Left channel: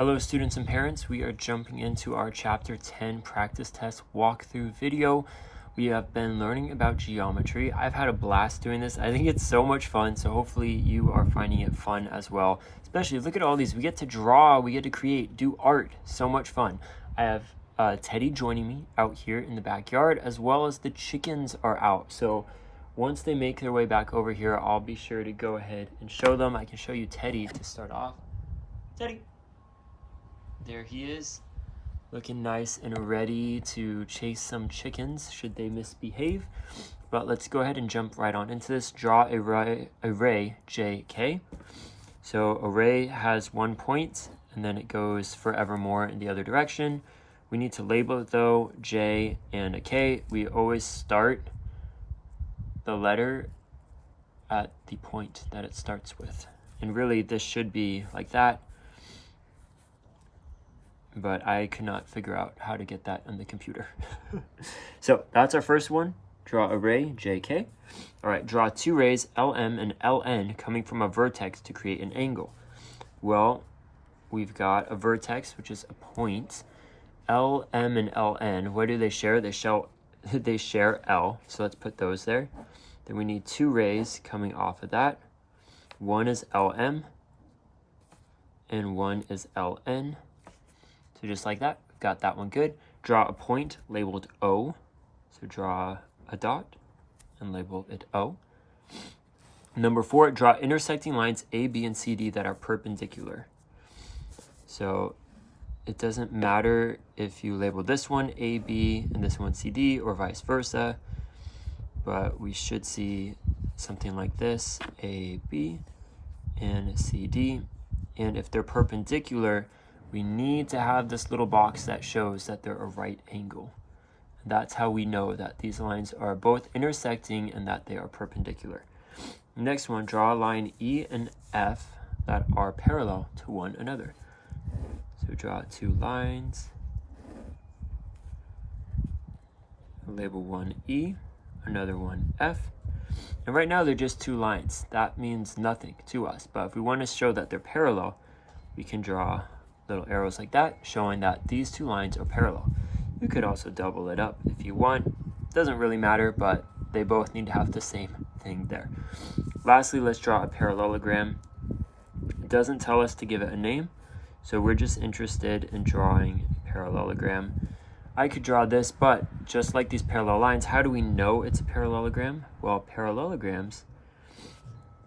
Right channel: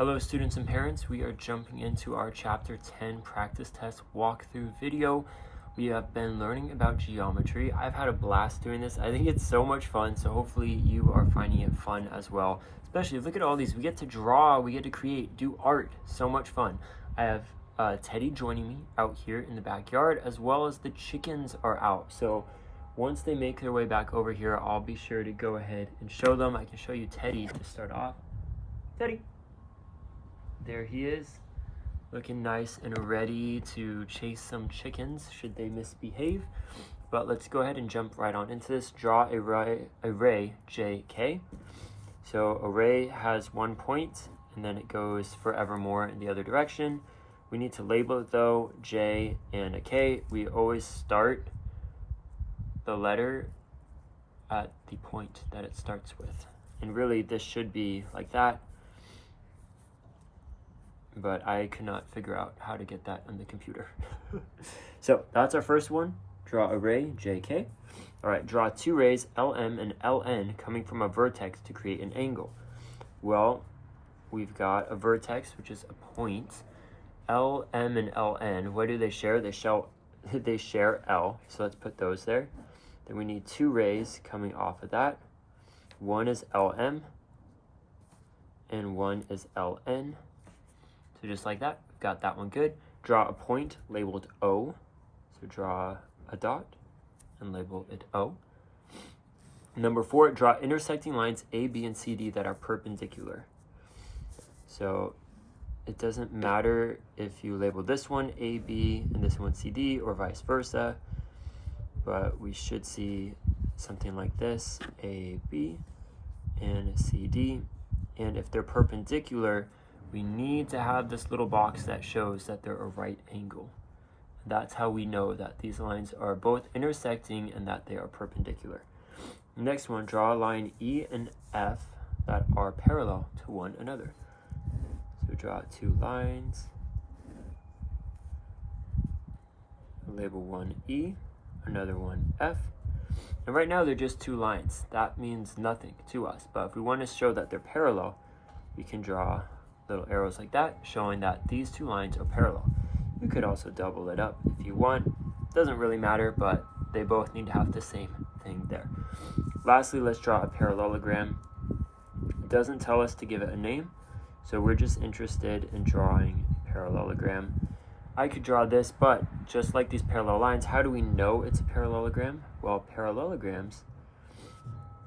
Hello students and parents, we are jumping into our chapter 10 practice test walkthrough video. We have been learning about geometry. I've had a blast doing this. I think it's so much fun, so hopefully you are finding it fun as well. Especially look at all these, we get to draw, we get to create, do art, so much fun. I have Teddy joining me out here in the backyard, as well as the chickens are out. So once they make their way back over here, I'll be sure to go ahead and show them. I can show you Teddy to start off. Teddy. There he is, looking nice and ready to chase some chickens should they misbehave. But let's go ahead and jump right on into this. Draw array JK. So array has 1 point and then it goes forevermore in the other direction. We need to label it though, J and a K. We always start the letter at the point that it starts with. And really this should be like that, but I could not figure out how to get that on the computer. So that's our first one. Draw array JK. All right, draw two rays LM and LN coming from a vertex to create an angle. Well, we've got a vertex, which is a point. LM and LN, what do they share? They share L, so let's put those there. Then we need two rays coming off of that. One is LM and one is LN. So just like that, got that one good. Draw a point labeled O. So draw a dot and label it O. Number 4, draw intersecting lines A, B, and CD that are perpendicular. So it doesn't matter if you label this one A, B, and this one CD, or vice versa, but we should see something like this, A, B, and CD. And if they're perpendicular, we need to have this little box that shows that they're a right angle. That's how we know that these lines are both intersecting and that they are perpendicular. Next one, draw a line E and F that are parallel to one another. So draw two lines, label one E, another one F. And right now they're just two lines. That means nothing to us, but if we want to show that they're parallel, we can draw little arrows like that, showing that these two lines are parallel. You could also double it up if you want. Doesn't really matter, but they both need to have the same thing there. Lastly, let's draw a parallelogram. It doesn't tell us to give it a name, so we're just interested in drawing a parallelogram. I could draw this, but just like these parallel lines, how do we know it's a parallelogram? Well, parallelograms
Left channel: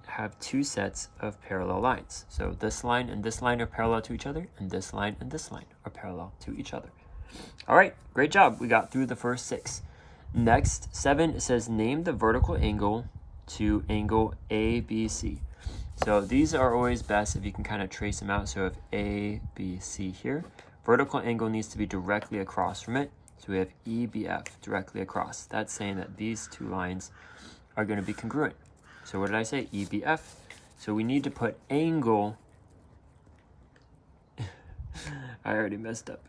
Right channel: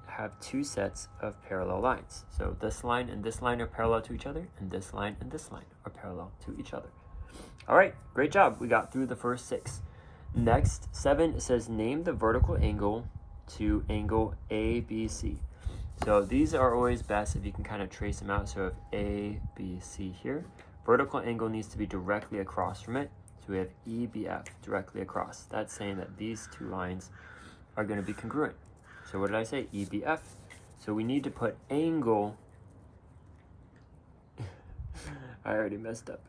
have two sets of parallel lines. So this line and this line are parallel to each other, and this line and this line are parallel to each other. All right, great job. We got through the first 6. Next, 7 says name the vertical angle to angle ABC. So these are always best if you can kind of trace them out. So if ABC here, vertical angle needs to be directly across from it. So we have EBF directly across. That's saying that these two lines are going to be congruent. So what did I say? EBF. So we need to put angle. I already messed up.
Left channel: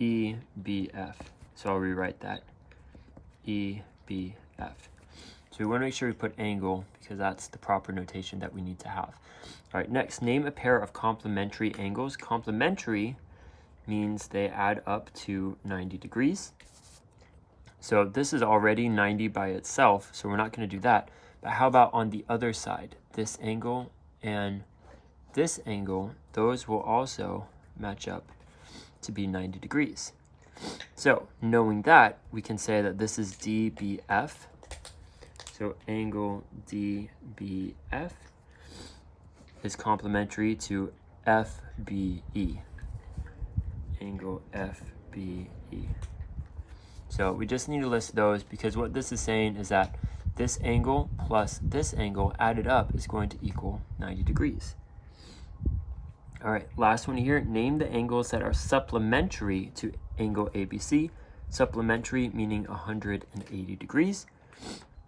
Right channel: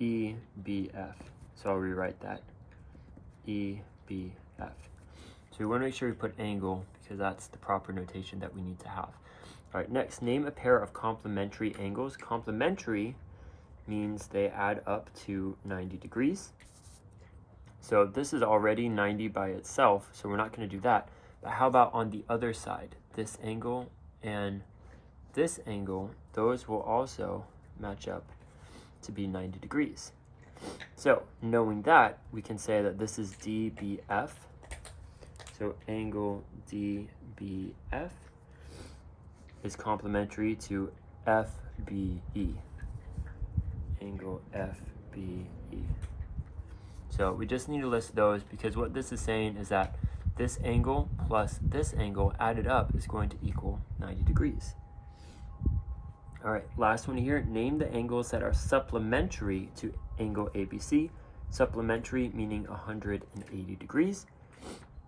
EBF. So I'll rewrite that. EBF. So we want to make sure we put angle because that's the proper notation that we need to have. All right, next, name a pair of complementary angles. Complementary means they add up to 90 degrees. So this is already 90 by itself, so we're not going to do that. But how about on the other side? This angle and this angle, those will also match up to be 90 degrees. So knowing that, we can say that this is DBF. So angle DBF is complementary to FBE. Angle FBE. So we just need to list those because what this is saying is that this angle plus this angle added up is going to equal 90 degrees. All right, last one here. Name the angles that are supplementary to angle ABC. Supplementary meaning 180 degrees.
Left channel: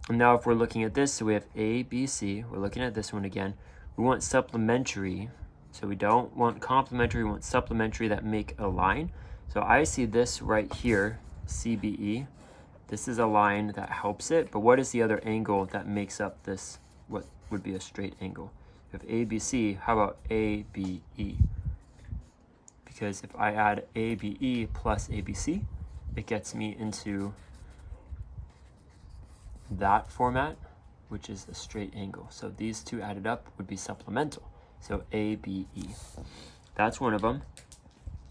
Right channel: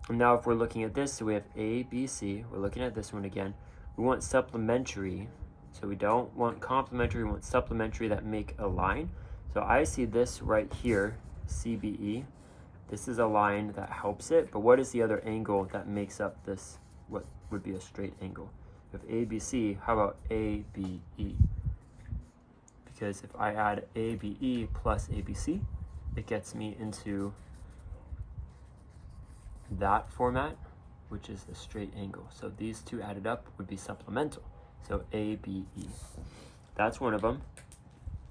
And now if we're looking at this, so we have ABC. We're looking at this one again. We want supplementary. So we don't want complementary, we want supplementary that make a line. So I see this right here, CBE. This is a line that helps it, but what is the other angle that makes up this, what would be a straight angle? We have ABC, how about ABE? because if I add ABE plus ABC, it gets me into that format, which is a straight angle. So these two added up would be supplemental. So ABE. That's one of them.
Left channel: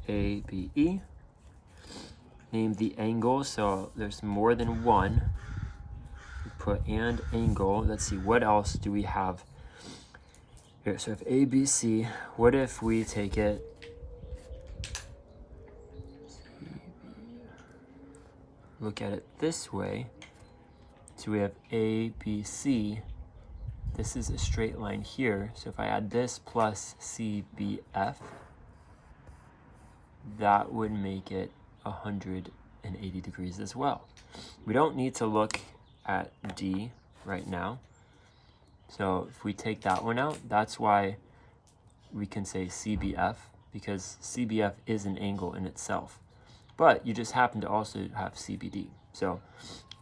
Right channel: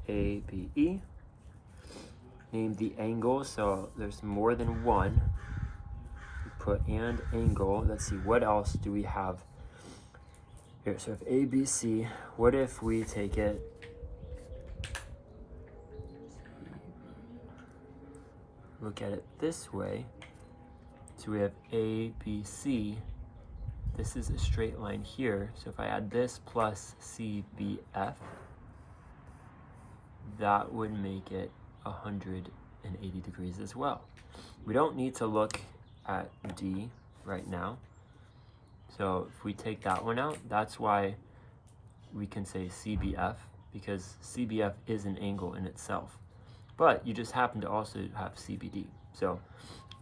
ABE. Name the angle, so there's more than one. We put and angle. Let's see, what else do we have here? So if ABC, what if we take it, look at it this way. So we have ABC. This is a straight line here. So if I add this plus CBF, that would make it 180 degrees as well. We don't need to look at D right now. So if we take that one out, that's why we can say CBF, because CBF is an angle in itself. But you just happen to also have CBD. So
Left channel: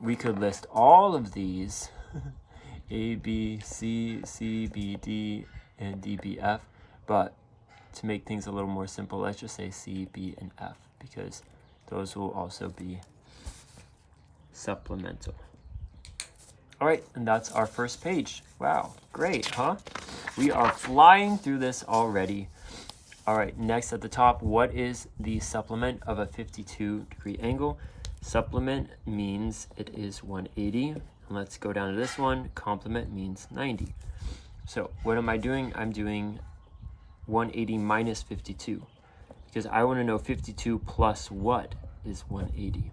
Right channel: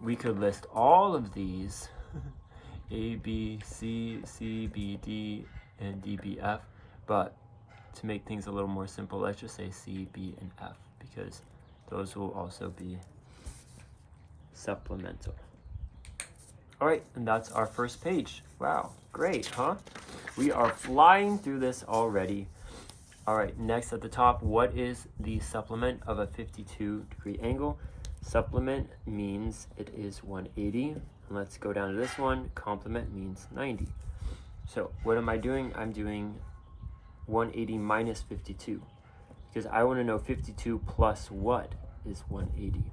we could list all of these, A, B, C, C, B, D, and D, B, F. But to make things a little more simple, let's just say C, B, and F, because those will also be supplemental. All right, and that's our first page. Wow, great, huh? We are flying through this already. All right, next at the top, what is the supplement of a 52-degree angle? Supplement means it is 180. Let's go down to this one. Complement means 90. So what am I doing? I'm doing 180 minus 52, because I want to know 52 plus what is 180.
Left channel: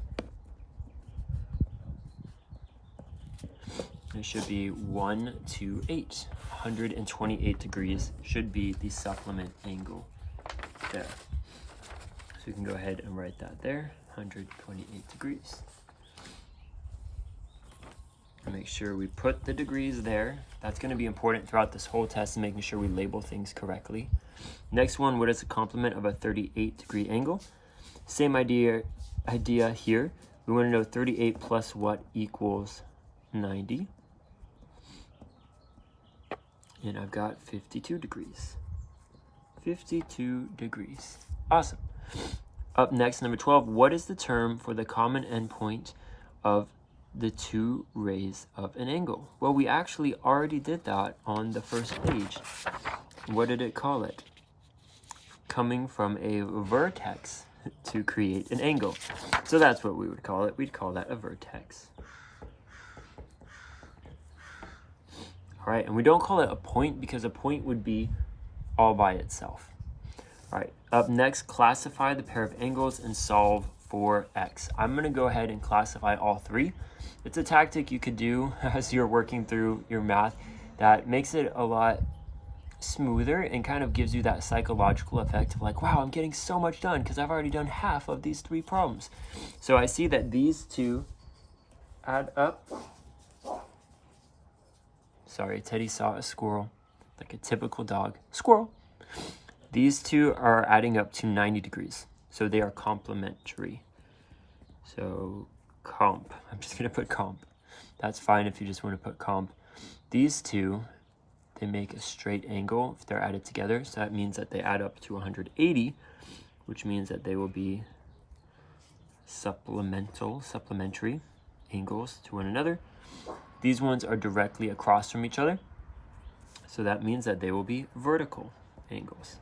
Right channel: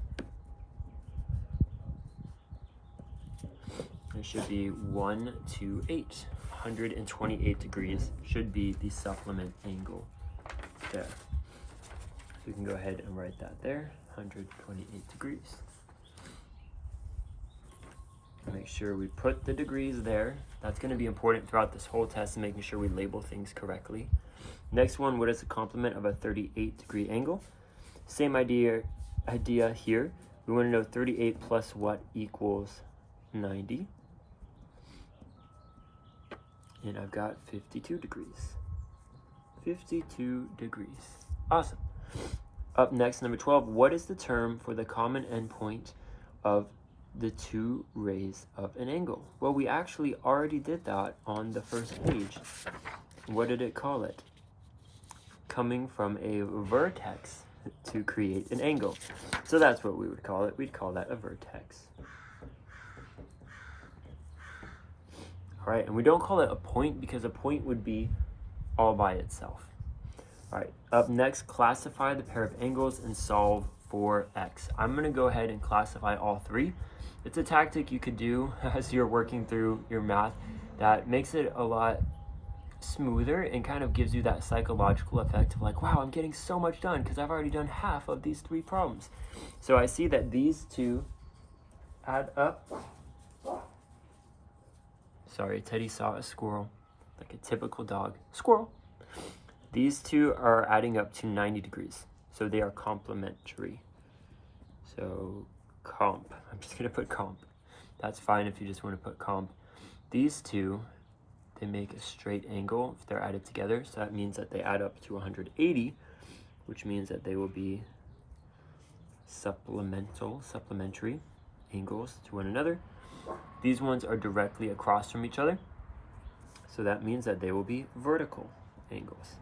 It should be 128. 128 degrees should be the supplement angle there. So we can go ahead and write that there, 128 degrees. Make sure we put the degrees there. That's going to be important throughout this whole test, and making sure we label things correctly. Next one, what is the complement of a 38-degree angle? Same idea here. We want to know 38 plus what equals 90. And I've got 52 degrees. 52 degrees. Awesome. Up next, number 12, what is the term for the common endpoint of the two rays of an angle? Well, we actually already did that on the first page. What did it call it? Coming from a vertex to create an angle. So that's what we would call it. We'd call that a vertex. All right, and we don't call it a point because a point would be all by itself. All right, up next, classify the pair of angles and solve for x. I'm going to go ahead and classify all three. It's a tactic you could do as you're working through your math that makes it a lot smoother and kind of gives you that psychological effect of like, wow, I'm getting so much done because I've already done half of these three problems. So I see that these two add up. Sorry, Teddy saw a squirrel, like a typical dog. Squirrel. These two are adding up to 90 degrees. So they are complementary. So comp, I'm just gonna put comp. That's fine if you just want to put comp. These two, they make a straight angle if they're added together. So that means that they add up to 180, which means that they will be supplementary angles to one another. These ones are directly across from each other. So that means that they will be vertical angles.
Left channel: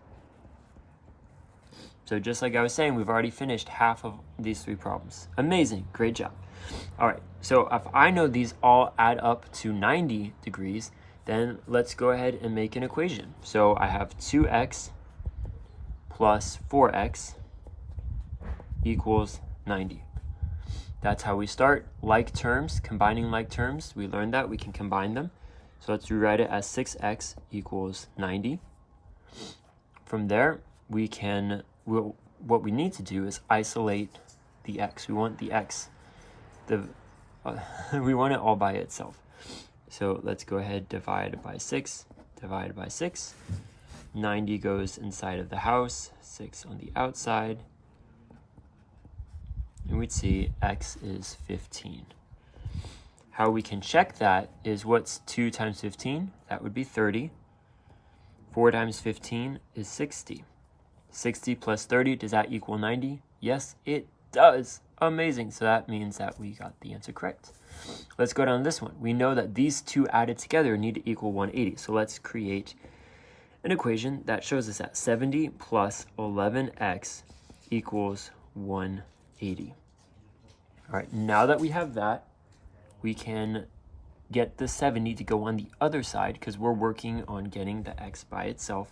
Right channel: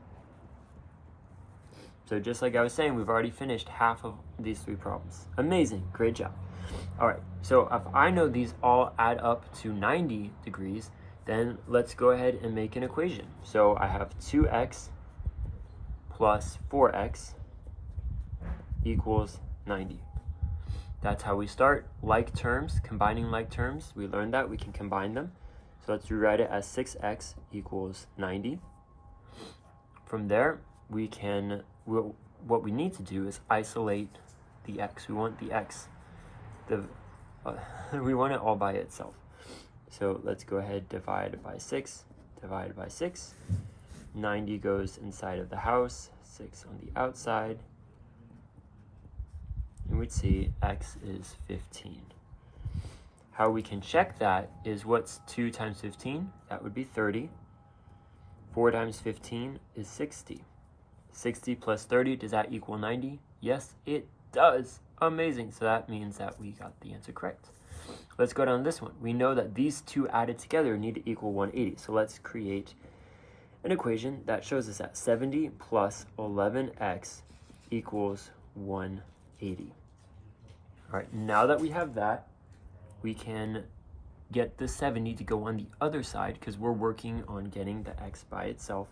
So just like I was saying, we've already finished half of these three problems. Amazing, great job. All right, so if I know these all add up to 90 degrees, then let's go ahead and make an equation. So I have 2x plus 4x equals 90. That's how we start. Like terms, combining like terms, we learned that we can combine them. So let's rewrite it as 6x equals 90. From there, we can, what we need to do is isolate the x. We want the x, we want it all by itself. So let's go ahead, divide by 6, divide by 6. 90 goes inside of the house, 6 on the outside. And we'd see x is 15. How we can check that is what's 2 times 15? That would be 30. 4 times 15 is 60. 60 plus 30, does that equal 90? Yes, it does. Amazing. So that means that we got the answer correct. Let's go down this one. We know that these two added together need to equal 180. So let's create an equation that shows us that 70 plus 11x equals 180. All right, now that we have that, we can get the 70 to go on the other side because we're working on getting the x by itself.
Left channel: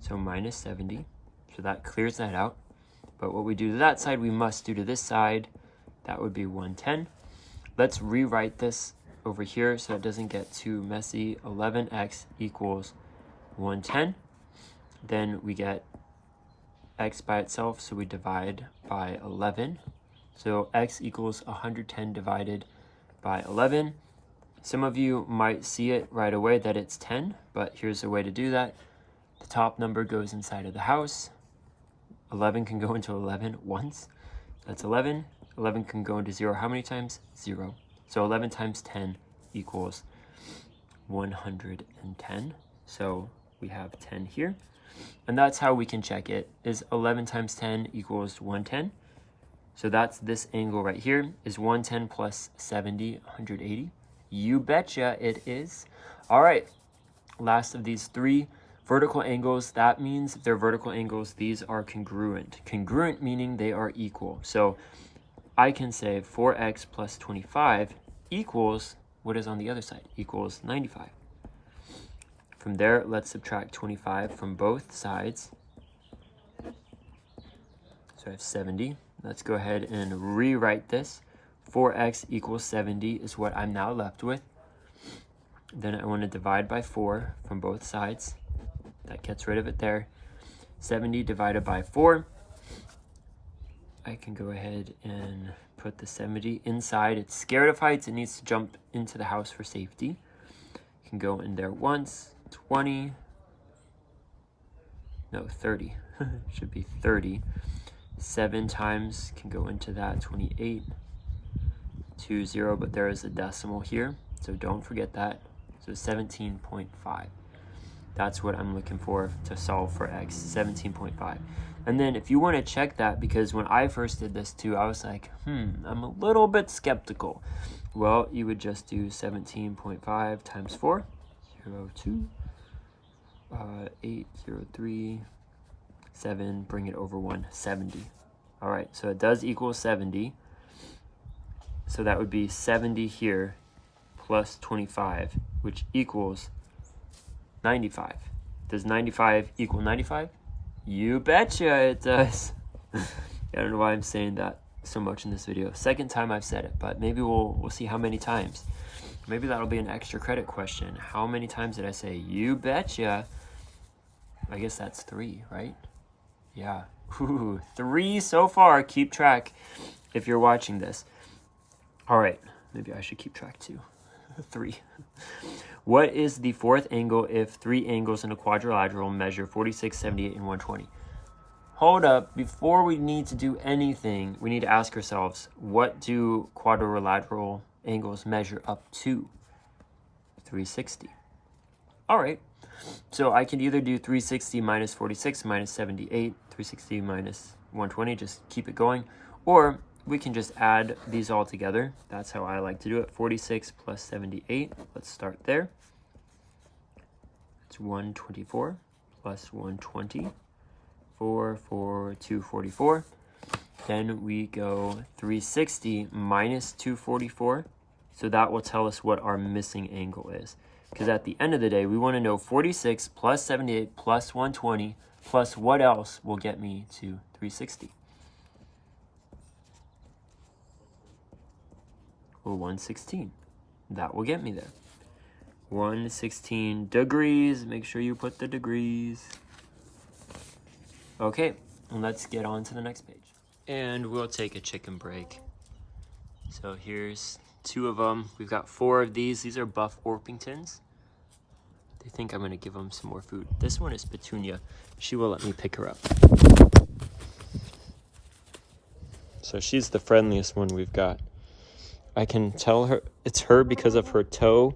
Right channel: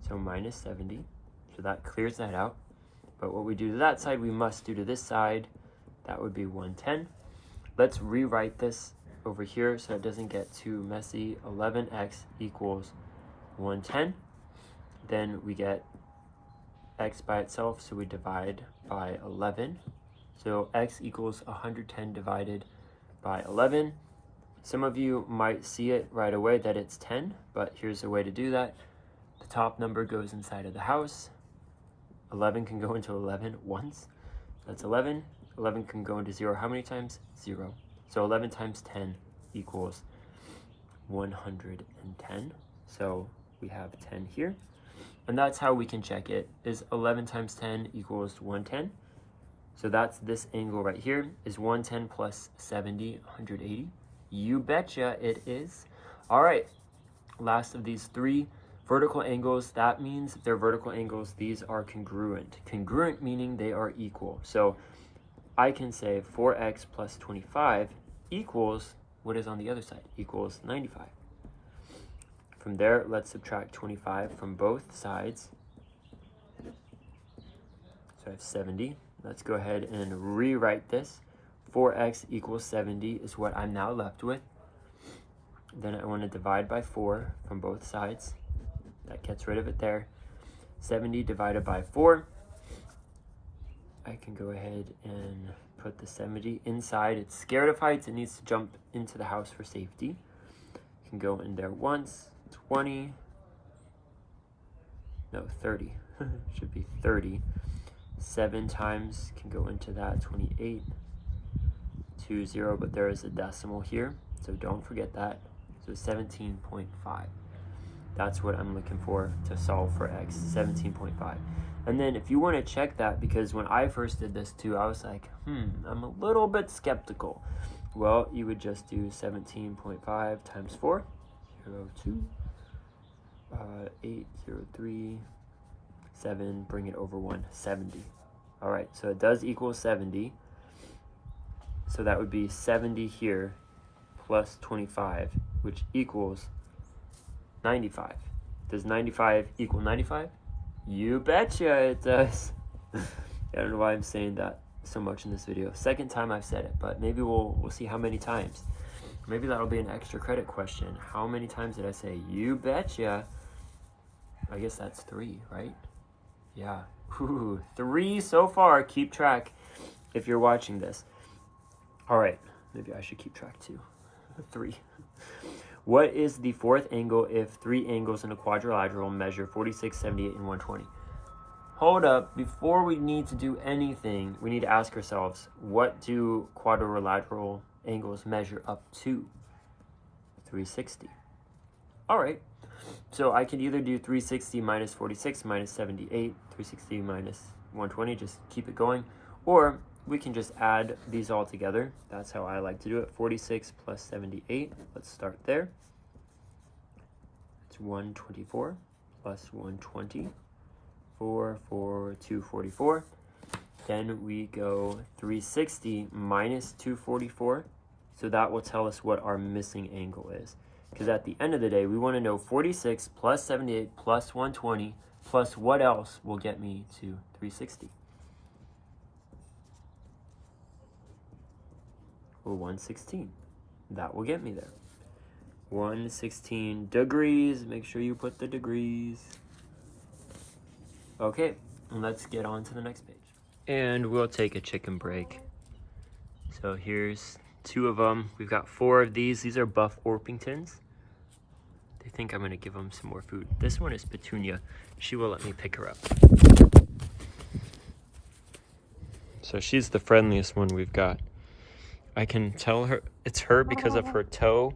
So minus 70, so that clears that out. But what we do to that side, we must do to this side. That would be 110. Let's rewrite this over here so it doesn't get too messy. 11x equals 110. Then we get x by itself, so we divide by 11. So x equals 110 divided by 11. Some of you might see it right away that it's 10, but here's a way to do that. The top number goes inside of the house. 11 can go into 11 once. That's 11. 11 can go into 0 how many times? 0. So 11 times 10 equals 110. So we have 10 here. And that's how we can check it, is 11 times 10 equals 110. So that's this angle right here, is 110 plus 70, 180. You betcha it is. All right, last of these three vertical angles. That means if they're vertical angles, these are congruent. Congruent meaning they are equal. So I can say 4x plus 25 equals, what is on the other side? Equals 95. From there, let's subtract 25 from both sides. So I have 70. Let's go ahead and rewrite this. 4x equals 70 is what I'm now left with. Then I want to divide by 4 from both sides. That gets rid of it there. 70 divided by 4. I can go ahead and put the 70 inside. It's scared of heights. It needs to jump into the house for safety. Can go in there once. 20. No, 30. Should be 30. 7 times can go into that. 28. 20, but there is a decimal here, so don't forget that. So 17.5. That's what I'm looking for to solve for x, 17.5. And then if you want to check that, because when I first did this too, I was like, I'm a little bit skeptical. Well, you would just do 17.5 times 4, 02, 803, 7, bring it over 1, 70. All right, so it does equal 70. So that would be 70 here plus 25, which equals 95. Does 95 equal 95? You betcha it does. I don't know why I'm saying that so much in this video. Second time I've said it, but maybe we'll see how many times. Maybe that'll be an extra credit question. How many times did I say you betcha? I guess that's 3, right? Yeah. Ooh, 3 so far. Keep track if you're watching this. All right, maybe I should keep track too. 3. What is the fourth angle if 3 angles in a quadrilateral measure 46, 78, and 120? Hold up, before we need to do anything, we need to ask ourselves, what do quadrilateral angles measure up to? 360. All right, so I can either do 360 minus 46 minus 78, 360 minus 120, just keep it going, or we can just add these all together. That's how I like to do it. 46 plus 78. Let's start there. It's 124 plus 120. 244. Then we go 360 minus 244. So that will tell us what our missing angle is. Because at the end of the day, we want to know 46 plus 78 plus 120 plus what else will get me to 360. Well, 116. That will get me there. 116 degrees. Make sure you put the degrees. Okay, let's get on to the next page. And we'll take a chicken break. So here's 2 of them. We've got 4 of these. These are Buff Orpingtons. They think I'm going to give them some more food. This one is Petunia. She will let me pick her up. So she's the friendliest one we've got. I can tell her it's her because of her toe.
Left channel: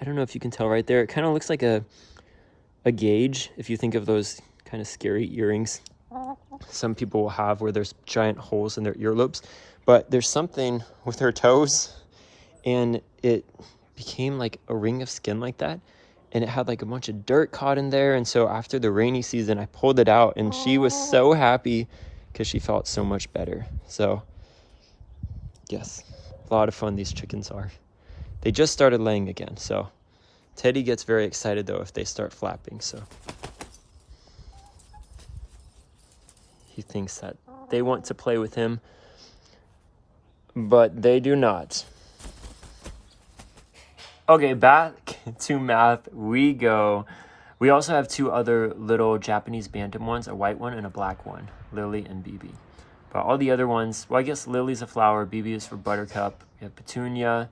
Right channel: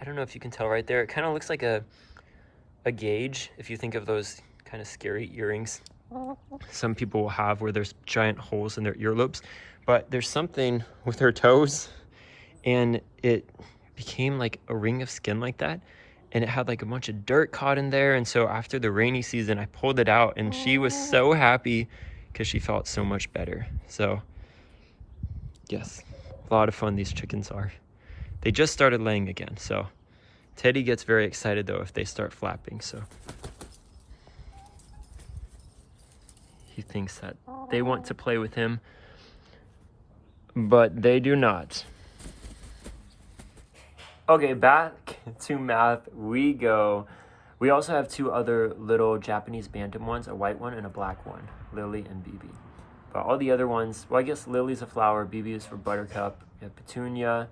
I don't know if you can tell right there. It kind of looks like a gauge. If you think of those kind of scary earrings some people will have where there's giant holes in their earlobes. But there's something with her toes, and it became like a ring of skin like that. And it had like a bunch of dirt caught in there. And so after the rainy season, I pulled it out, and she was so happy because she felt so much better. So yes, a lot of fun these chickens are. They just started laying again. So Teddy gets very excited though if they start flapping. So he thinks that they want to play with him, but they do not. Okay, back to math we go. We also have two other little Japanese bantam ones, a white one and a black one, Lily and BB. But all the other ones, well, I guess Lily's a flower, BB is for buttercup. We have petunia,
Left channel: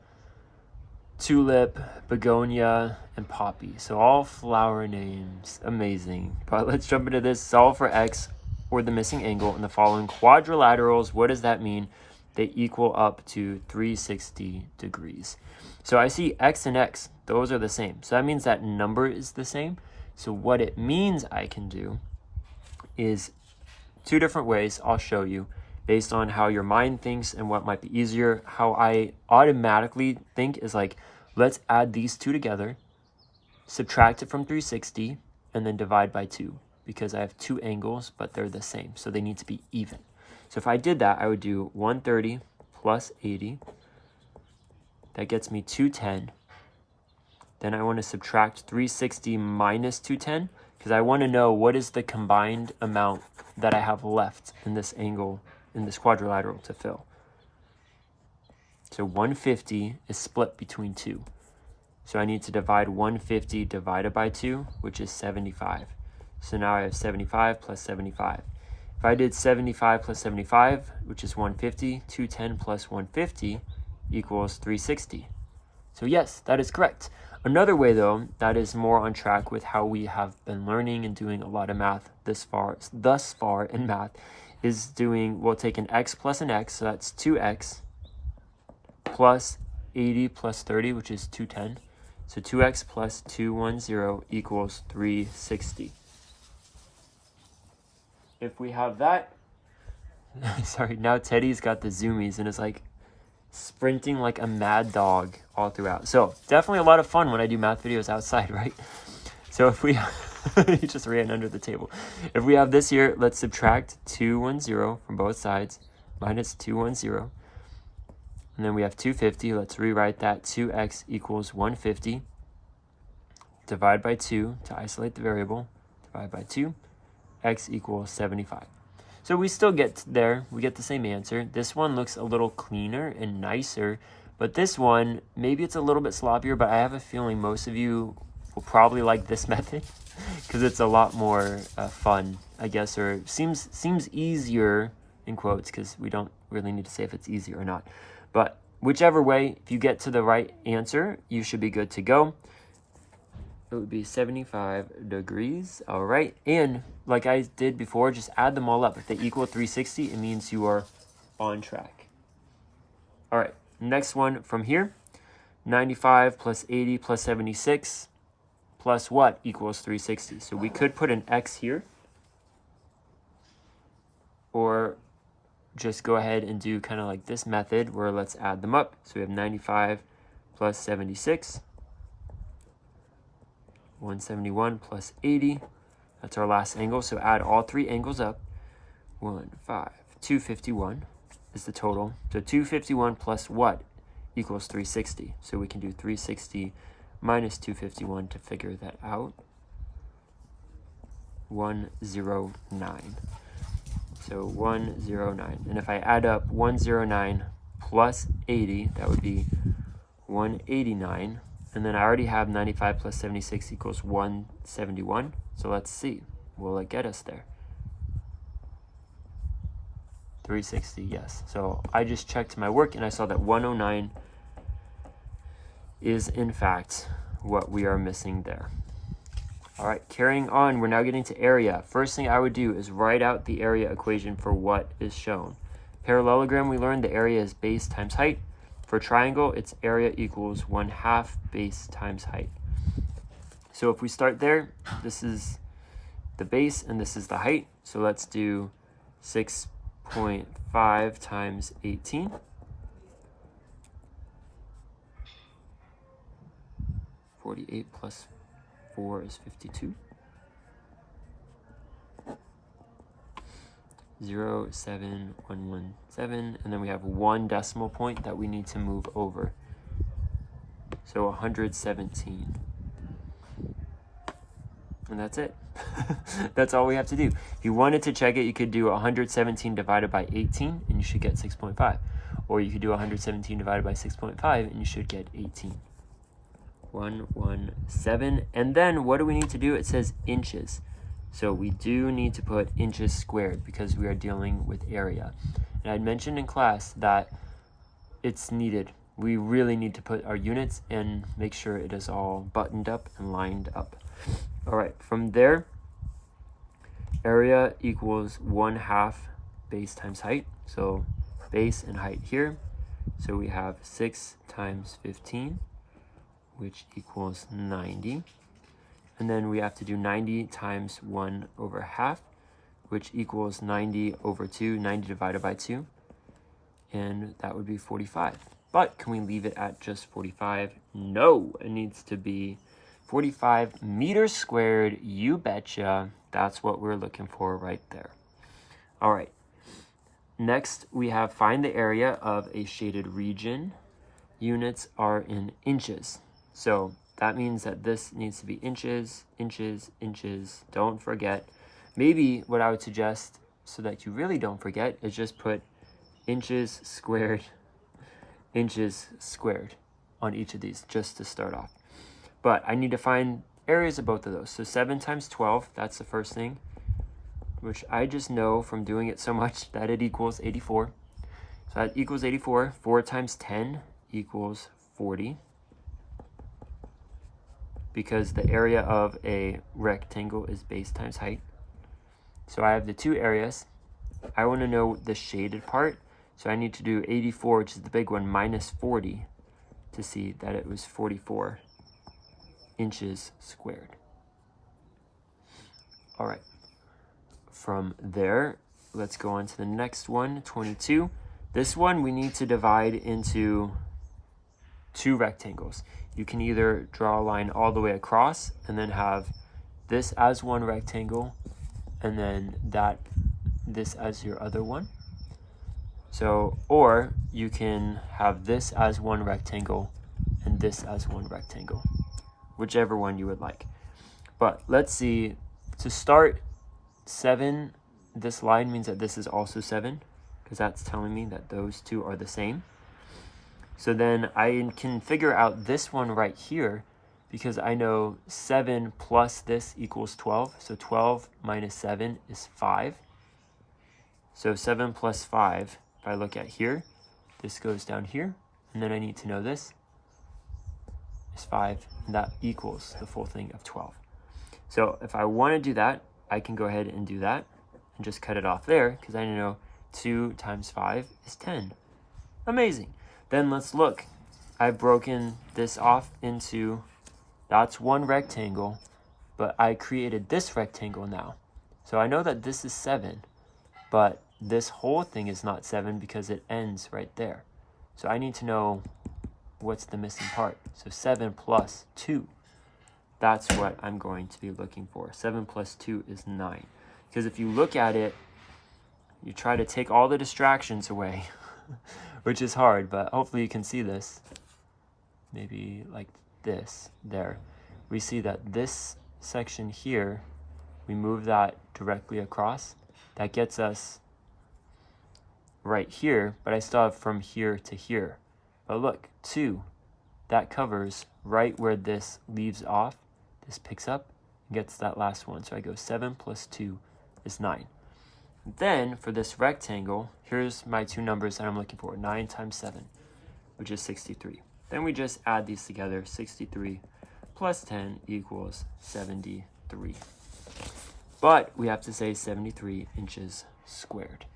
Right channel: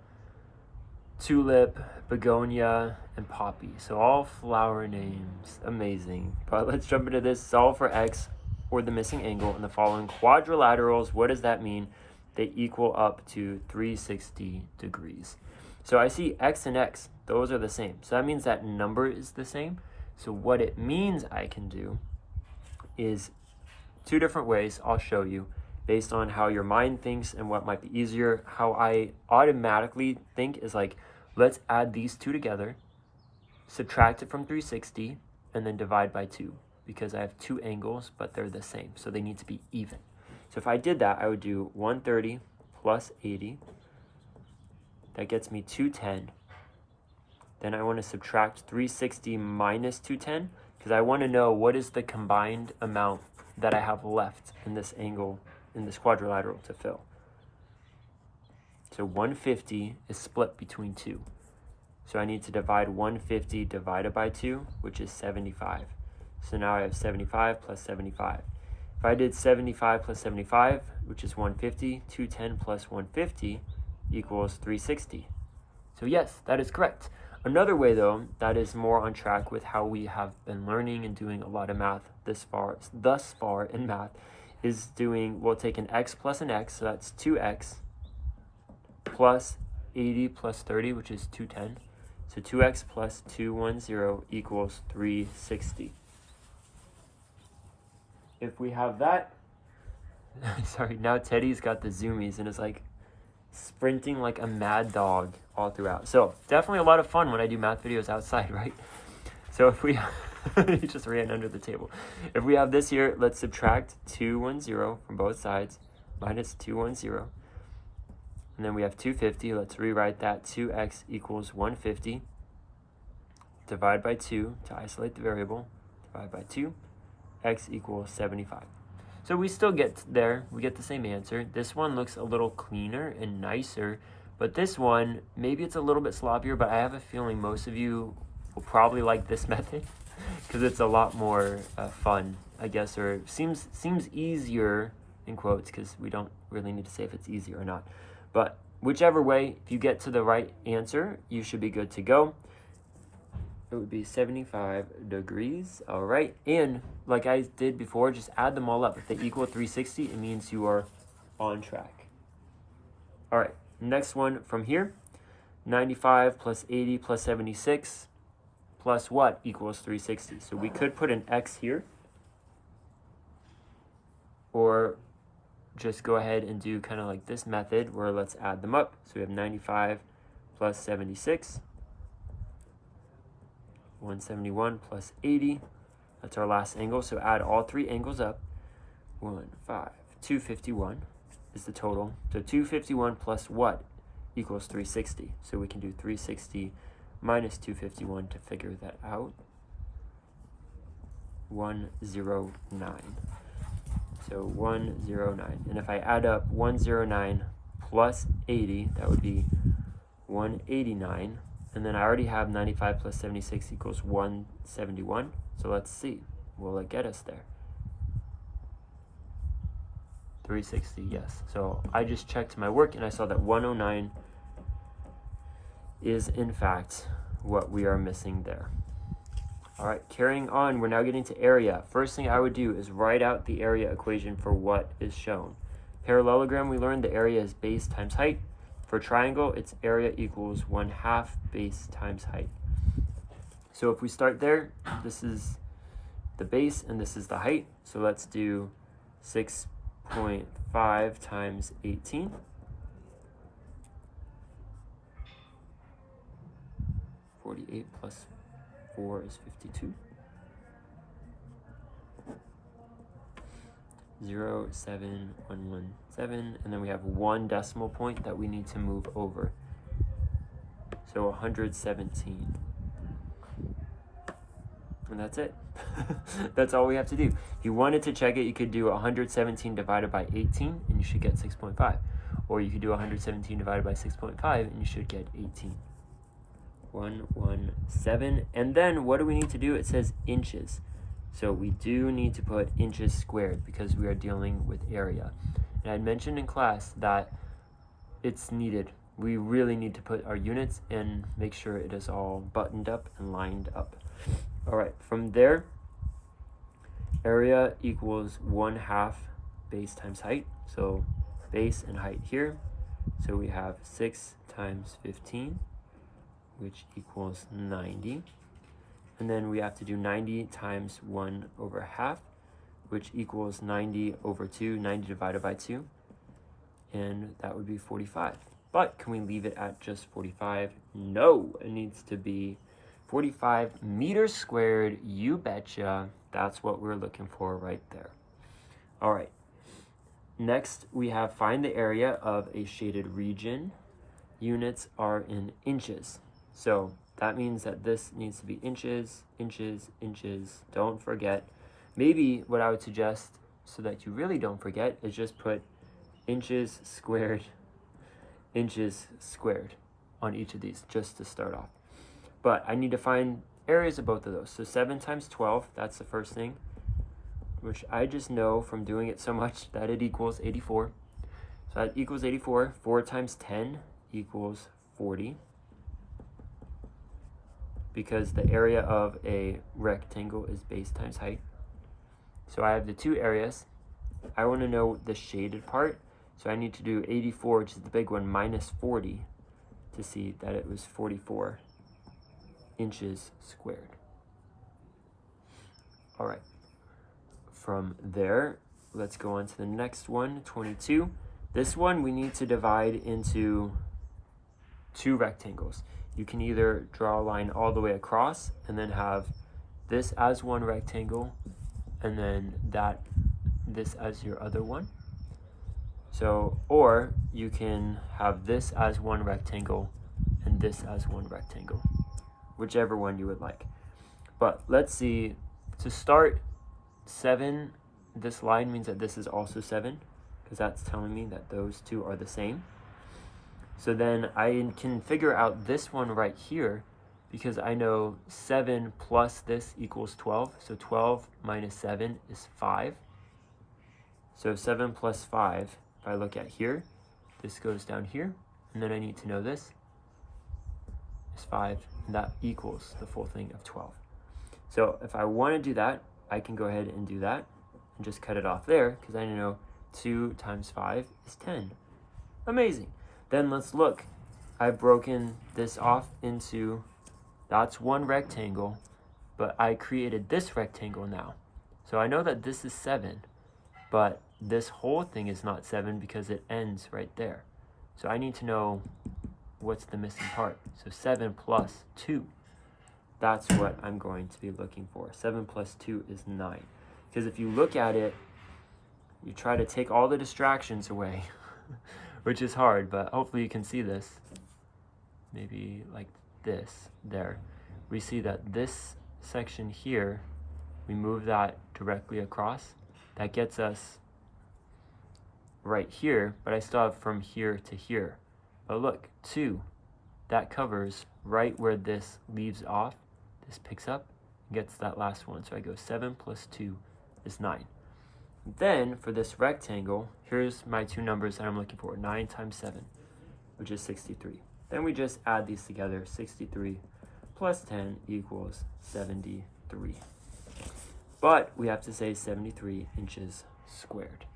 tulip, begonia, and poppy. So all flower names, amazing. But let's jump into this. Solve for x or the missing angle in the following quadrilaterals. What does that mean? They equal up to 360 degrees. So I see x and x, those are the same. So that means that number is the same. So what it means I can do is two different ways I'll show you based on how your mind thinks and what might be easier. How I automatically think is like, let's add these two together, subtract it from 360, and then divide by 2, because I have two angles, but they're the same, so they need to be even. So if I did that, I would do 130 plus 80. That gets me 210. Then I want to subtract 360 minus 210, because I want to know what is the combined amount that I have left in this angle, in this quadrilateral to fill. So 150 is split between 2. So I need to divide 150 divided by 2, which is 75. So now I have 75 plus 75. If I did 75 plus 75, which is 150, 210 plus 150 equals 360. So yes, that is correct. Another way though, that is more on track with how we have been learning and doing a lot of math thus far in math, is doing, we'll take an x plus an x, so that's 2x, plus 80 plus 30, which is 210. So 2x plus 210 equals 360. If we have that, sorry, now Teddy's got the zoomies and is like sprinting like a mad dog all throughout. So definitely a lot of fun when I do math videos outside, right? So if we, he just ran under the table. If we have this here, let's subtract 210 from both sides, minus 210. And then we have 250. Let's rewrite that. 2x equals 150. Divide by 2 to isolate the variable. Divide by 2. X equals 75. So we still get there. We get the same answer. This one looks a little cleaner and nicer. But this one, maybe it's a little bit sloppier, but I have a feeling most of you will probably like this method because it's a lot more fun, I guess, or seems easier, in quotes, because we don't really need to say if it's easy or not. But whichever way, if you get to the right answer, you should be good to go. It would be 75 degrees. All right. And like I did before, just add them all up. If they equal 360, it means you are on track. All right. Next one from here. 95 plus 80 plus 76 plus what equals 360? So we could put an x here, or just go ahead and do kind of like this method where let's add them up. So we have 95 plus 76. 171 plus 80. That's our last angle. So add all three angles up. 251 is the total. So 251 plus what equals 360. So we can do 360 minus 251 to figure that out. 109. So 109. And if I add up 109 plus 80, that would be 189. And then I already have 95 plus 76 equals 171. So let's see. Will it get us there? 360, yes. So I just checked my work and I saw that 109 is in fact what we are missing there. All right, carrying on, we're now getting to area. First thing I would do is write out the area equation for what is shown. Parallelogram, we learned the area is base times height. For triangle, its area equals 1/2 base times height. So if we start there, this is the base and this is the height. So let's do 6.5 times 18. 48 plus 4 is 52. 0.7117, and then we have 1 decimal point that we need to move over. So 117. And that's it. That's all we have to do. If you wanted to check it, you could do 117 divided by 18 and you should get 6.5. Or you could do 117 divided by 6.5 and you should get 18. 117. And then what do we need to do? It says inches. So we do need to put inches squared because we are dealing with area. And I mentioned in class that it's needed. We really need to put our units and make sure it is all buttoned up and lined up. All right, from there, area equals 1/2 base times height. So base and height here. So we have 6 times 15, which equals 90. And then we have to do 90 times 1/2, which equals 90 over 2, 90 divided by 2. And that would be 45. But can we leave it at just 45? No, it needs to be 45 meters squared. You betcha. That's what we're looking for right there. All right. Next, we have find the area of a shaded region. Units are in inches. So that means that this needs to be inches, inches, inches. Don't forget. Maybe what I would suggest, so that you really don't forget, is just put inches squared on each of these just to start off. But I need to find areas of both of those. So 7 times 12, that's the first thing, which I just know from doing it so much that it equals 84. So that equals 84. 4 times 10 equals 40. Because the area of a rectangle is base times height. So I have the two areas. I want to know the shaded part. So I need to do 84, which is the big one, minus 40 to see that it was 44 inches squared. All right. From there, let's go on to the next one, 22. This one we need to divide into 2 rectangles. You can either draw a line all the way across and then have this as one rectangle and then this as your other one. So, or you can have this as one rectangle and this as one rectangle, whichever one you would like. But let's see, to start 7, this line means that this is also 7 because that's telling me that those two are the same. So then I can figure out this one right here because I know 7 plus this equals 12. So 12 minus 7 is 5. So 7 plus 5, if I look at here, this goes down here. And then I need to know this is 5. And that equals the full thing of 12. So if I want to do that, I can go ahead and do that and just cut it off there because I know 2 times 5 is 10. Amazing. Then let's look. I've broken this off into, that's one rectangle, but I created this rectangle now. So I know that this is 7, but this whole thing is not 7 because it ends right there. So I need to know what's the missing part. So 7 plus 2, that's what I'm going to be looking for. 7 plus 2 is 9. Because if you look at it, you try to take all the distractions away. Which is hard, but hopefully you can see this. Maybe like this, there. We see that this section here, we move that directly across. That gets us right here, but I still have from here to here. But look, 2, that covers right where this leaves off. This picks up and gets that last one. So I go 7 plus 2 is 9. Then for this rectangle, here's my 2 numbers that I'm looking for, 9 times 7, which is 63. Then we just add these together, 63 plus 10 equals 73. But we have to say 73 inches squared.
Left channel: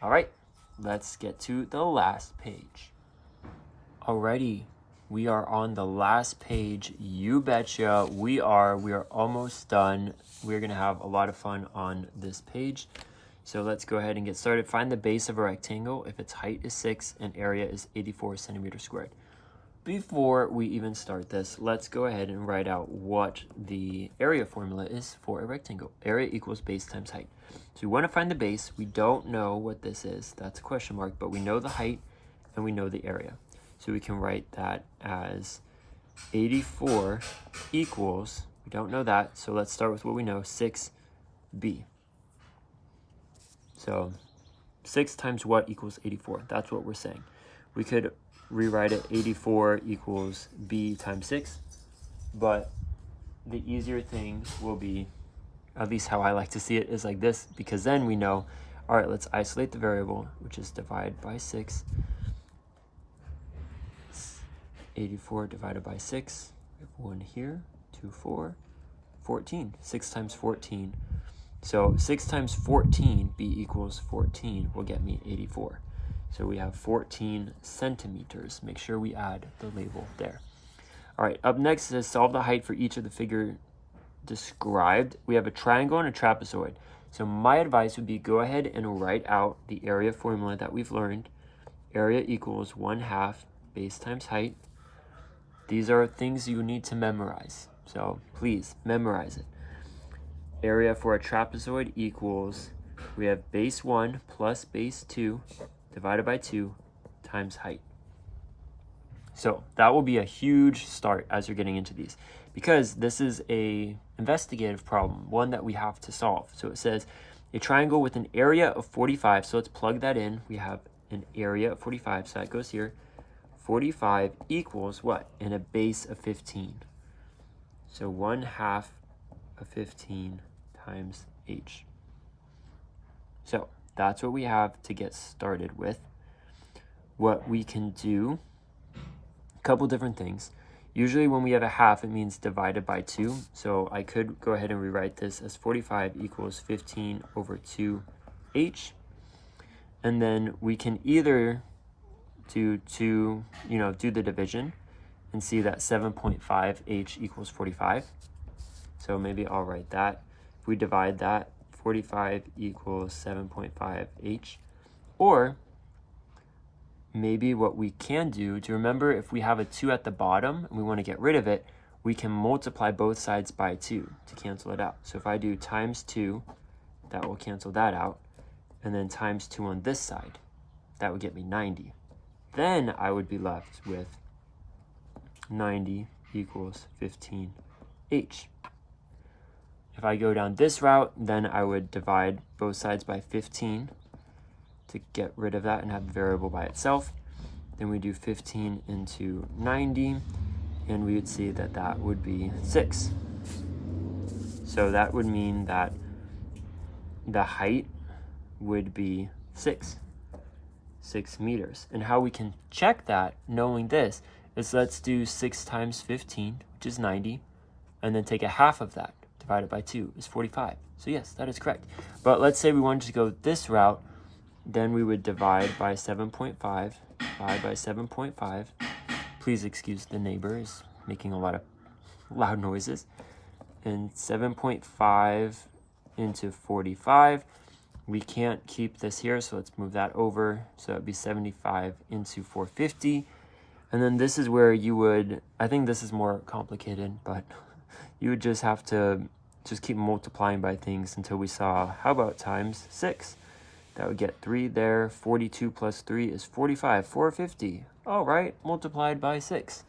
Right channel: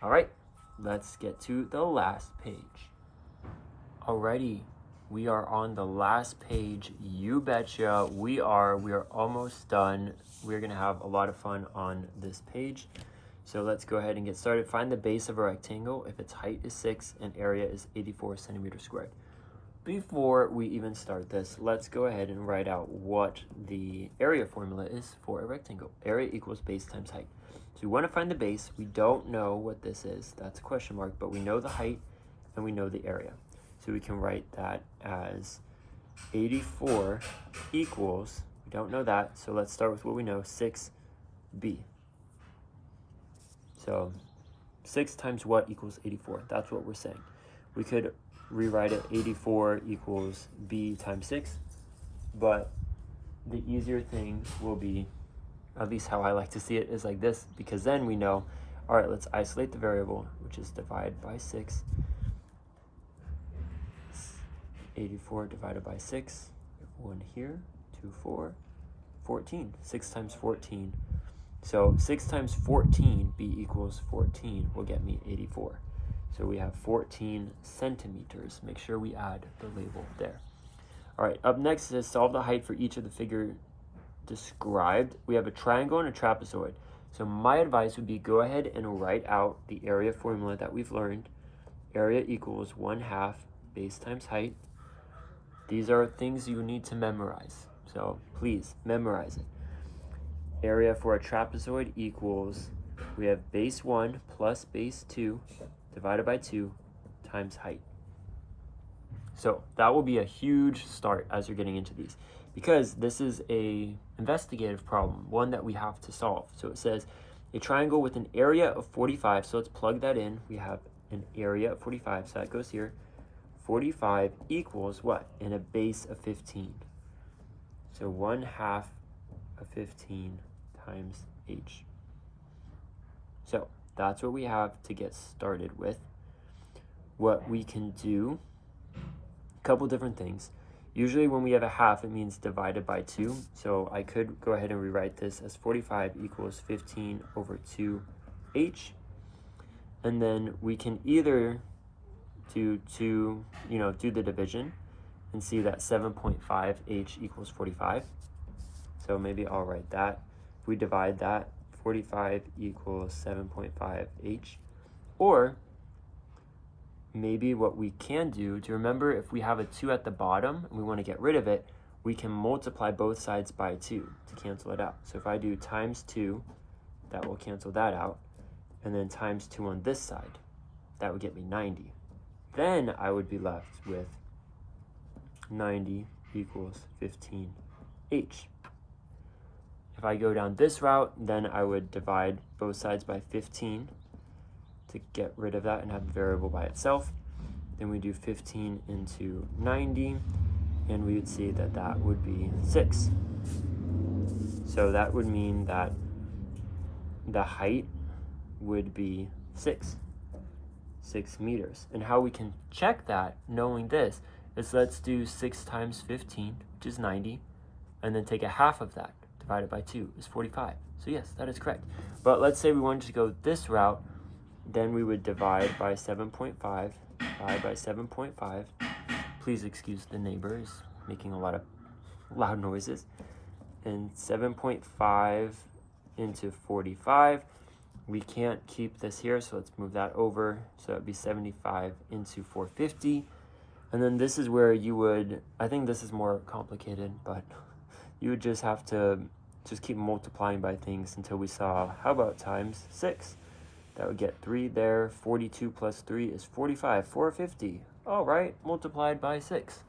All right, let's get to the last page. Alrighty, We are on the last page. You betcha. We are almost done. We're gonna have a lot of fun on this page. So let's go ahead and get started. Find the base of a rectangle if its height is 6 and area is 84 centimeters squared. Before we even start this, let's go ahead and write out what the area formula is for a rectangle. Area equals base times height. So we want to find the base. We don't know what this is. That's a question mark, but we know the height and we know the area. So we can write that as 84 equals, we don't know that, so let's start with what we know, 6b. So 6 times what equals 84? That's what we're saying. We could rewrite it 84 equals b times 6, but the easier thing will be, at least how I like to see it, is like this, because then we know, all right, let's isolate the variable, which is divide by 6. 84 divided by 6, 1 here, 2, 4, 14. 6 times 14. So 6 times 14, b equals 14, will get me 84. So we have 14 centimeters. Make sure we add the label there. All right, up next is solve the height for each of the figure described. We have a triangle and a trapezoid. So my advice would be go ahead and write out the area formula that we've learned. Area equals 1/2 base times height. These are things you need to memorize. So please memorize it. Area for a trapezoid equals, we have base 1 plus base 2 divided by 2 times height. So that will be a huge start as you're getting into these, because this is a investigative problem, one that we have to solve. So it says a triangle with an area of 45, so let's plug that in. We have an area of 45, so that goes here. 45 equals what? And a base of 15. So 1/2 of 15 times h. So that's what we have to get started with. What we can do, a couple different things. Usually when we have a half, it means divided by 2. So I could go ahead and rewrite this as 45 equals 15 over 2h. And then we can either do the division and see that 7.5h equals 45. So maybe I'll write that. If we divide that, 45 equals 7.5h. Or maybe what we can do, to remember, if we have a 2 at the bottom and we want to get rid of it, we can multiply both sides by 2 to cancel it out. So if I do times 2, that will cancel that out. And then times 2 on this side, that would get me 90. Then I would be left with 90 equals 15h. If I go down this route, then I would divide both sides by 15 to get rid of that and have the variable by itself. Then we do 15 into 90, and we would see that that would be 6. So that would mean that the height would be 6 meters. And how we can check that, knowing this, is let's do 6 times 15, which is 90, and then take a half of that, divided by 2 is 45. So yes, that is correct. But let's say we wanted to go this route, then we would divide by 7.5, divide by 7.5. Please excuse the neighbors making a lot of loud noises. And 7.5 into 45. We can't keep this here, so let's move that over. So it'd be 75 into 450. And then this is where you would, I think this is more complicated, but you would just have to just keep multiplying by things until we saw, how about times 6? That would get 3 there. 42 plus 3 is 45, 450. All right, multiplied by 6.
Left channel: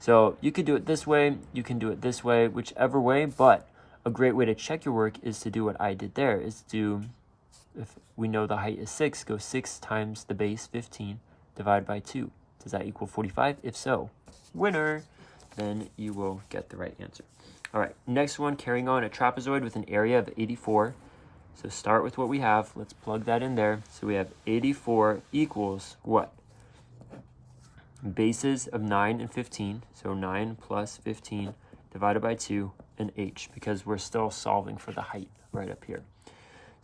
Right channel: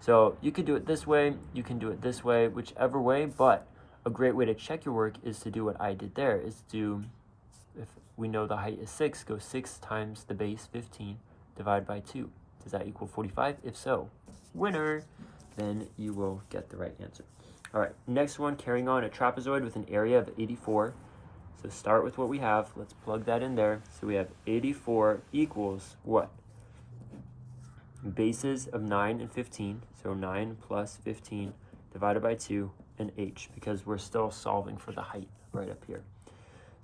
So you could do it this way, you can do it this way, whichever way, but a great way to check your work is to do what I did there, is to, if we know the height is 6, go 6 times the base, 15, divide by 2. Does that equal 45? If so, winner. Then you will get the right answer. All right, next one, carrying on, a trapezoid with an area of 84. So start with what we have. Let's plug that in there. So we have 84 equals what? Bases of 9 and 15. So 9 plus 15 divided by 2 and h, because we're still solving for the height right up here.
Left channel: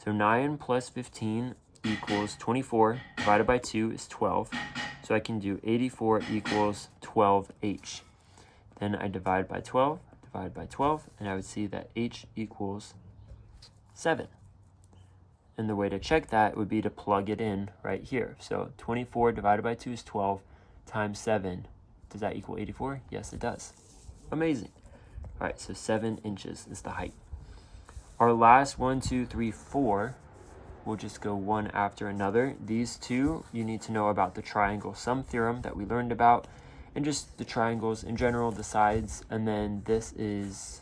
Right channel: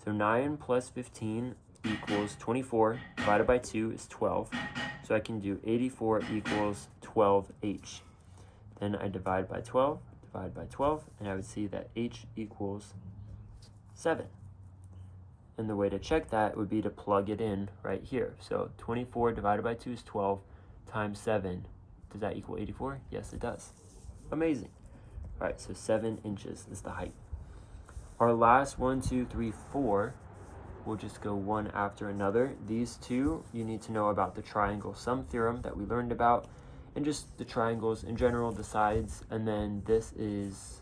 So 9 plus 15 equals 24, divided by 2 is 12. So I can do 84 equals 12h. Then I divide by 12, and I would see that h equals 7. And the way to check that would be to plug it in right here. So 24 divided by 2 is 12 times 7. Does that equal 84? Yes, it does. Amazing. All right, so 7 inches is the height. Our last 1, 2, 3, 4, we'll just go one after another. These two, you need to know about the triangle sum theorem that we learned about, and just the triangles in general, the sides, and then this is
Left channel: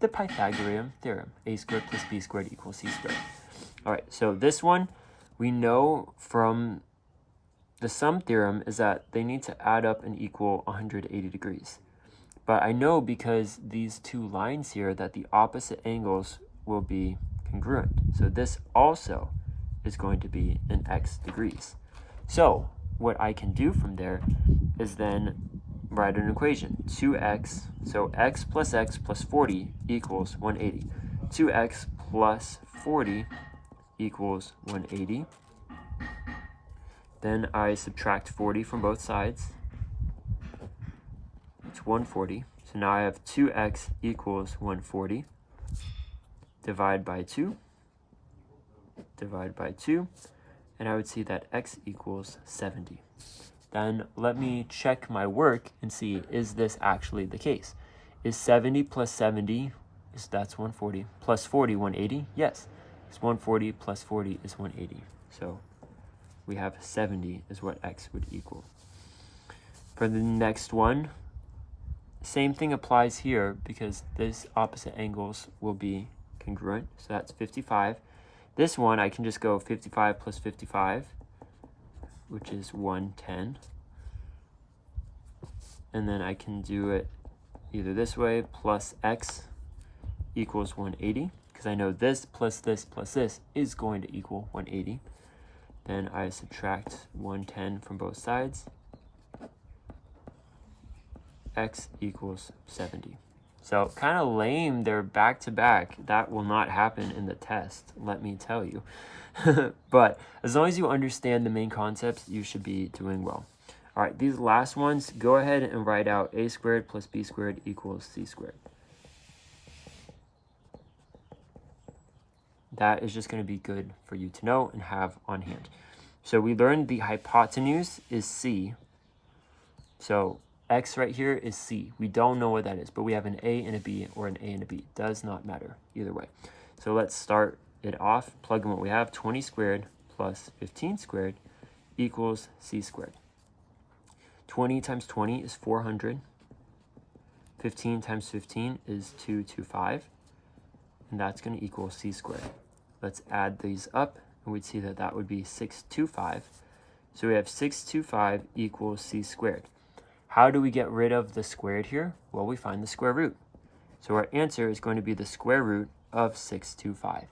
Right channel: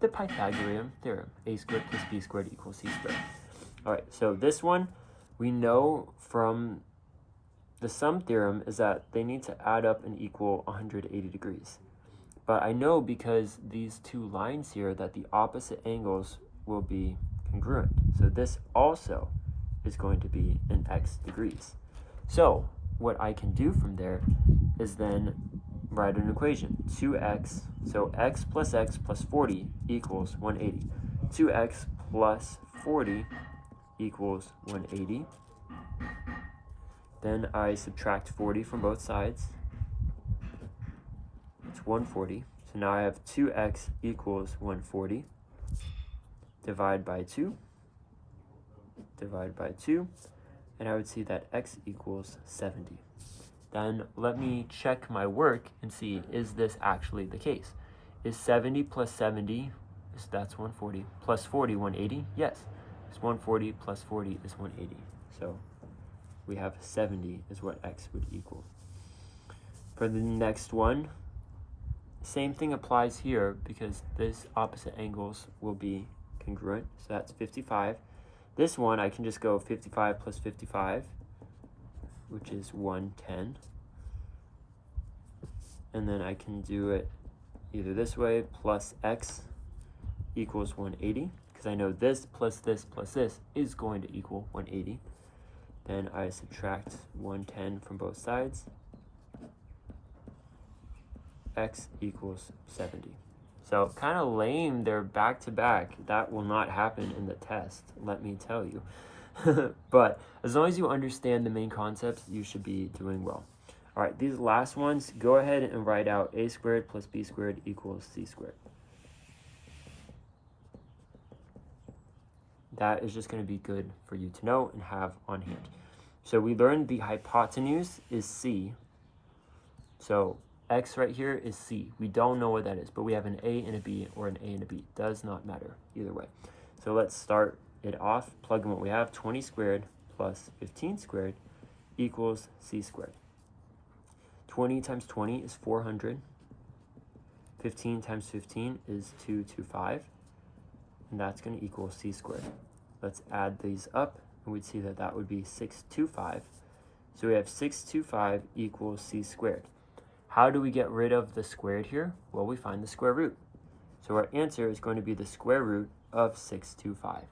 the Pythagorean theorem, a squared plus b squared equals c squared. All right, so this one, we know from the sum theorem is that they need to add up and equal 180 degrees. But I know because these two lines here that the opposite angles will be congruent. So this also is going to be in x degrees. So what I can do from there is then write an equation. 2x, so x plus 40 equals 180. 2x plus 40 equals 180. Then I subtract 40 from both sides. It's 140. So now I have 2x equals 140. Divide by 2. Divide by 2. And I would see that x equals 70. Then let me check my work and see, is this actually the case? Is 70 plus 70, that's 140, plus 40, 180? Yes. It's 140 plus 40 is 180. So we have 70 is what x would equal. For the next one, same thing applies here because this opposite angles will be congruent. So that's 55. This one, I can just go 55 plus 55, which is 110. And then I can do it either this way, plus x equals 180, because I know this plus this plus this is going to equal 180. Then I subtract 110 from both sides. X equals 70. So kind of lame, they're back to back. That will not happen in the test, let me tell you. But as long as you understand the main concepts, you should be doing well. All right, these last ones, go ahead and write out a squared plus b squared equals c squared. That is just going to be good for you to know and have on hand. So we learned the hypotenuse is c. So x right here is c. We don't know what that is, but we have an a and a b or an a and a b. Does not matter either way. So let's start it off. Plug in what we have. 20 squared plus 15 squared equals c squared. 20 times 20 is 400. 15 times 15 is 225. And that's going to equal c squared. Let's add these up, and we'd see that that would be 625. So we have 625 equals c squared. How do we get rid of the squared here? Well, we find the square root. So our answer is going to be the square root of 625.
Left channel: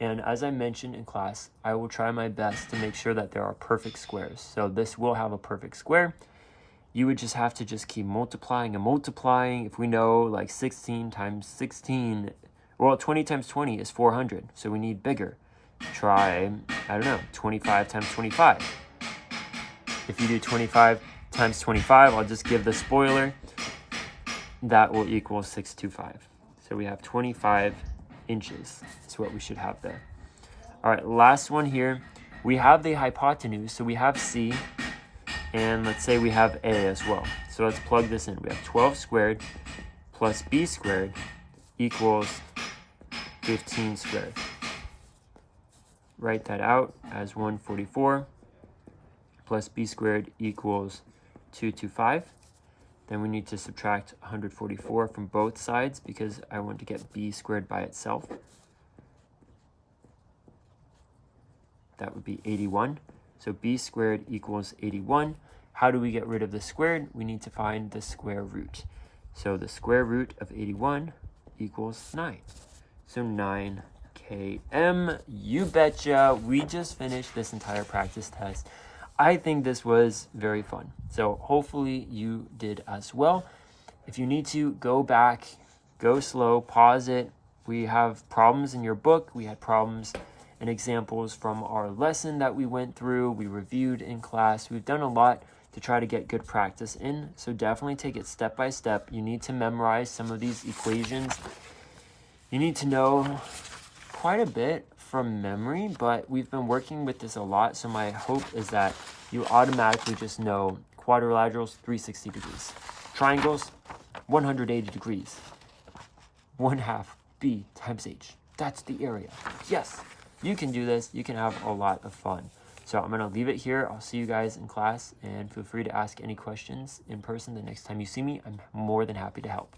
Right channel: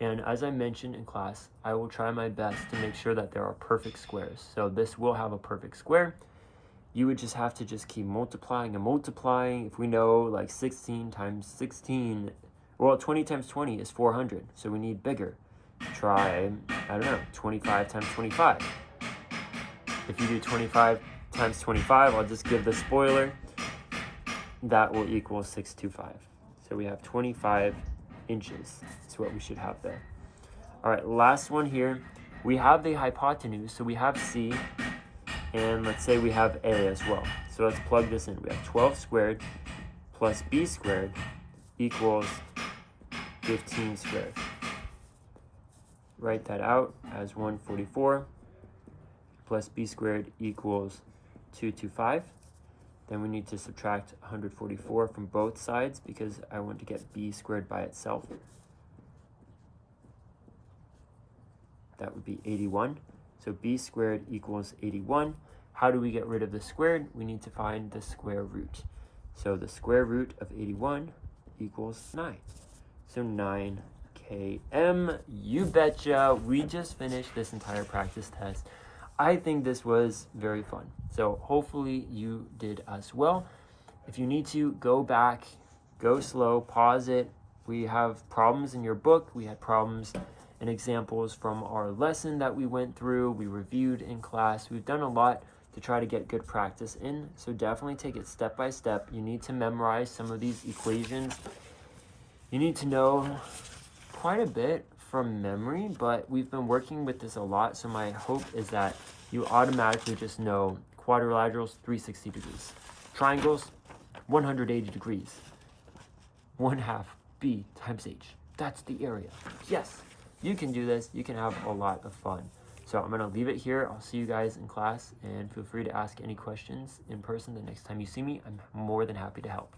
And as I mentioned in class, I will try my best to make sure that there are perfect squares. So this will have a perfect square. You would just have to just keep multiplying and multiplying. If we know like 16 times 16, well, 20 times 20 is 400. So we need bigger. Try, I don't know, 25 times 25. If you do 25 times 25, I'll just give the spoiler. That will equal 625. So we have 25 inches. That's what we should have there. All right, last one here. We have the hypotenuse, so we have c, and let's say we have a as well. So let's plug this in. We have 12 squared plus b squared equals 15 squared. Write that out as 144 plus b squared equals 225. Then we need to subtract 144 from both sides because I want to get b squared by itself. That would be 81. So b squared equals 81. How do we get rid of the squared? We need to find the square root. So the square root of 81 equals 9. So 9 km. You betcha. We just finished this entire practice test. I think this was very fun. So hopefully you did as well. If you need to, go back, go slow, pause it. We have problems in your book. We had problems and examples from our lesson that we went through. We reviewed in class. We've done a lot to try to get good practice in. So definitely take it step by step. You need to memorize some of these equations. You need to know quite a bit from memory, but we've been working with this a lot. So my hope is that you automatically just know quadrilaterals, 360 degrees. Triangles, 180 degrees. 1/2 b times h. That's the area. Yes, you can do this. You can have a lot of fun. So I'm going to leave it here. I'll see you guys in class, and feel free to ask any questions in person the next time you see me. I'm more than happy to help.